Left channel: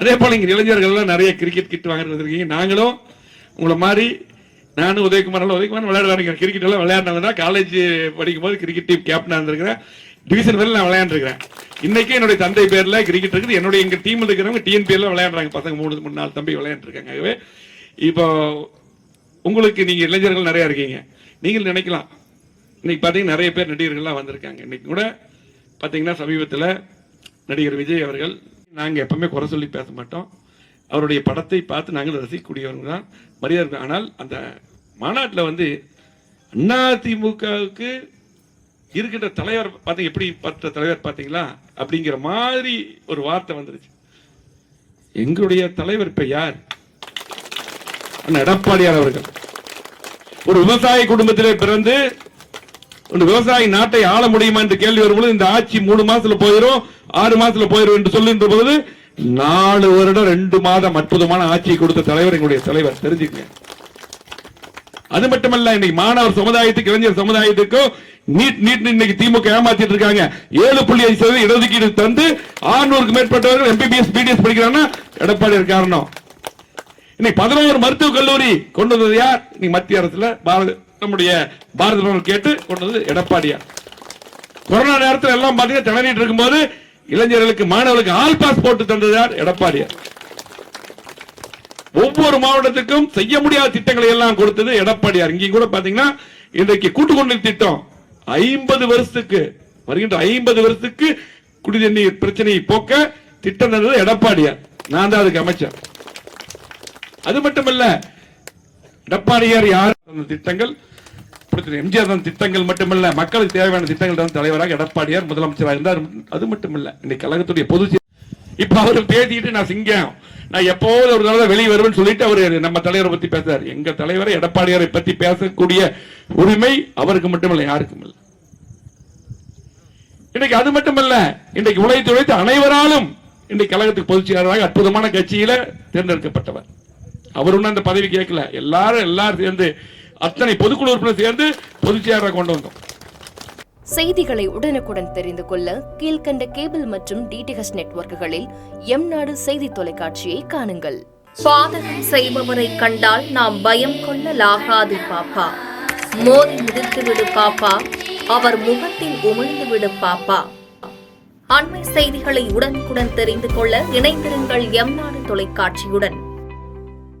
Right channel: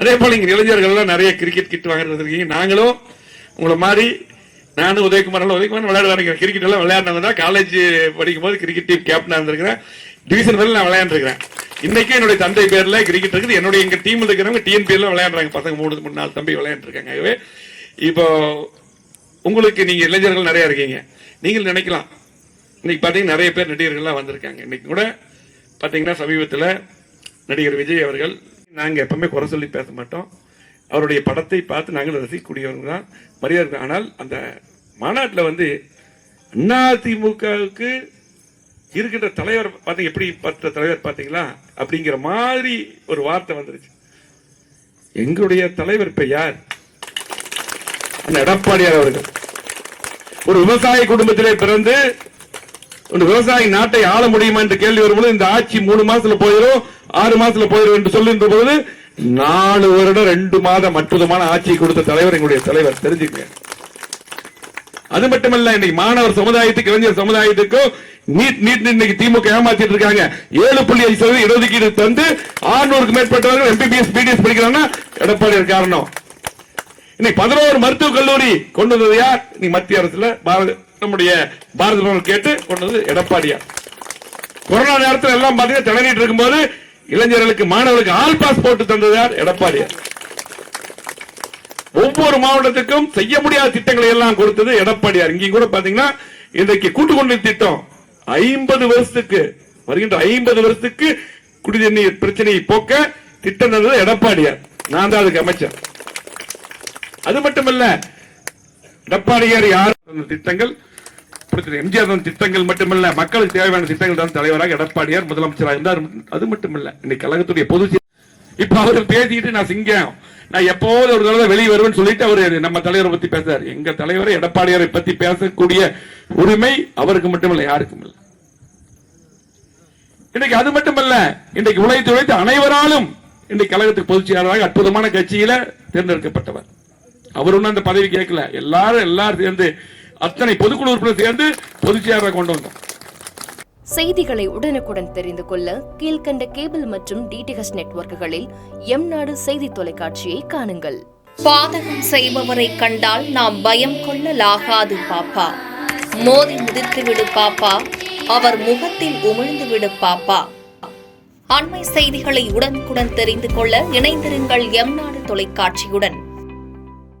அதே போல இங்க இளைஞர்கள் நிறைய கிரிக்கெட் கிட் வாங்கிட்டு வந்திருக்கீங்க. நாங்களும் உங்களை மாதிரி நானும் உதயகுமார் விளையாடுவாங்க. கிரிக்கெட் எல்லாம் விளையாடினவங்க தான். காலேஜ் படிக்கும் போது கிரிக்கெட் டீம் கேப்டனா இருந்திருக்கிறேன். டிவிஷன் பேர்ல நான் விளையாண்டுருக்கிறேன். இன்னைக்கு என்னுடைய தந்தை பேர்ல கிரிக்கெட் இருக்குது. என்னுடைய எங்க டீம் இருக்கிறவங்க டிஎன்பிஎல் விளையாடுறாங்க. பசங்க 3-4 தம்பி விளையாண்டுருக்காங்க. ஆகவே இப்போ உங்களுக்கு நீங்க இளைஞர்கள் நிறைய இருக்கீங்க. நீங்கள் நினைக்கலாம் இன்னைக்கு பாத்தீங்கன்னா நிறைய பேர் நடிகர்கள்லாம் வந்திருக்காங்க. இன்னைக்கு கூட பாத்தீங்கன்னா சமீபத்தில் நடிகர் விஜய் அவர்கள், நாங்க எப்பவுமே குறை சொல்லி பேச மாட்டோம், அவருடைய படத்தை பார்த்து நாங்கள் ரசிக்கக்கூடியவங்க தான், மரியாதை. ஆனால் அந்த மாநாட்டில் வந்து அதிமுகவுக்கு இருக்கின்ற தலைவர் பார்த்தீங்க, எப்படி பார்த்த தலைவர் பார்த்தீங்களா அப்படிங்கிற மாதிரி ஒரு வார்த்தை வந்துருச்சு. எங்களுடைய தலைவர் இப்ப யார்? எடப்பாடியார் அவர்கள். ஒரு விவசாய குடும்பத்திலே பிறந்து ஒரு விவசாயி நாட்டை ஆள முடியுமா என்று கேள்வி வரும்போது, இந்த ஆட்சி 3 மாசத்துல போயிடும் 6 மாசத்துல போயிடும் என்று சொல்லுகின்ற போது 4 வருடம் 2 மாதம் அற்புதமான ஆட்சியை கொடுத்த தலைவர் எங்களுடைய தலைவர், தெரிஞ்சுக்கங்க. அது மட்டுமல்ல, இன்னைக்கு மாணவர் சமுதாயத்துக்கு, இளைஞர் சமுதாயத்துக்கும் நீட் இன்னைக்கு திமுக ஏமாத்திட்டு இருக்காங்க. 7.5% இடஒதுக்கீடு தந்து 600க்கு மேற்பட்டவர்கள் எம்பிபிஎஸ் பிடிஎஸ் படிக்கிறாங்க. எடப்பாடி காரணம். இன்னைக்கு 11 மருத்துவக் கல்லூரி கொண்டு வந்தது யார்? இன்னைக்கு மத்திய அரசுல நம்முடைய பாரத பிரதமர் கேட்டு கொண்டு வந்தது எடப்பாடியார். கொரோனா நேரத்தில் எல்லாம் பாத்தீங்கன்னா திணறிட்டு இருக்கும்போது இளைஞர்களுக்கு, மாணவர்களுக்கு ஆல் பாஸ் போட்டு தந்தது யார்? எடப்பாடியார். ஒவ்வொரு மாவட்டத்துக்கும் செய்ய முடியாத திட்டங்களை எல்லாம் கொடுத்தது எடப்பாடியார். இங்கே கூட பாத்தீங்கன்னா இன்றைக்கு கூட்டுக்குடிநீர் திட்டம் 50 வருஷத்துக்கு வருகின்ற 50 வருஷத்துக்கு குடிநீர் பிரச்சனையை போக்க திட்டம் தந்தது எடப்பாடியார். நான் தான் அதுக்கு அமைச்சர். அது மட்டுமல்ல, எடப்பாடியார் யார் திட்டங்கள், எம்ஜிஆர் திட்டங்கள் மட்டுமல்ல, மக்களுக்கு தேவையான திட்டங்கள் தான் தலைவராக எடப்பாடியார் முதலமைச்சராக இருந்தார். அது மட்டுமல்ல, இன்னைக்கு கழகத்துடைய பொதுச் இப்ப அவரு பேசிட்டு நான் சிங்கம், நான் எப்போது ஒரு நாள் வெளியே வருவேன்னு சொல்லிட்டு அவரு நம்ம தலைவரை பத்தி பேசுறாரு. எங்க தலைவரை எடப்பாடியாரை பத்தி பேசக்கூடிய உரிமை அவருக்கு மட்டுமல்ல, யாருக்கும் இல்லை. இன்னைக்கு அது மட்டுமல்ல, இன்றைக்கு உழைத்து அனைவராலும் இன்றைக்கு கழகத்துக்கு பொதுச் செயலாளராக அற்புதமான கட்சியில தேர்ந்தெடுக்கப்பட்டவர். அவரும் அந்த பதவி கேட்கல, எல்லாரும் சேர்ந்து அத்தனை பொதுக்குழு உறுப்பினர் சேர்ந்து பொதுச் செயலாளராக கொண்டு வந்தோம். செய்திகளை உடனுக்குடன் தெரிந்து கொள்ள கீழ்கண்ட கேபிள் மற்றும் டிடிஎச் நெட்வொர்க்குகளில் எம்நாடு செய்தி தொலைக்காட்சியை காணுங்கள். பாதகம் செய்பவரை கண்டால் நாம் பயம் கொள்ளலாகாது பாப்பா. மோதி மிதித்து விடு பாப்பா, அவர் முகத்தில் உமிழ்ந்து விடு பாப்பா. அண்மை செய்திகளை உடனுக்குடன் தெரிந்து கொள்ள இணைந்திருங்கள் எம்நாடு தொலைக்காட்சியுடன்.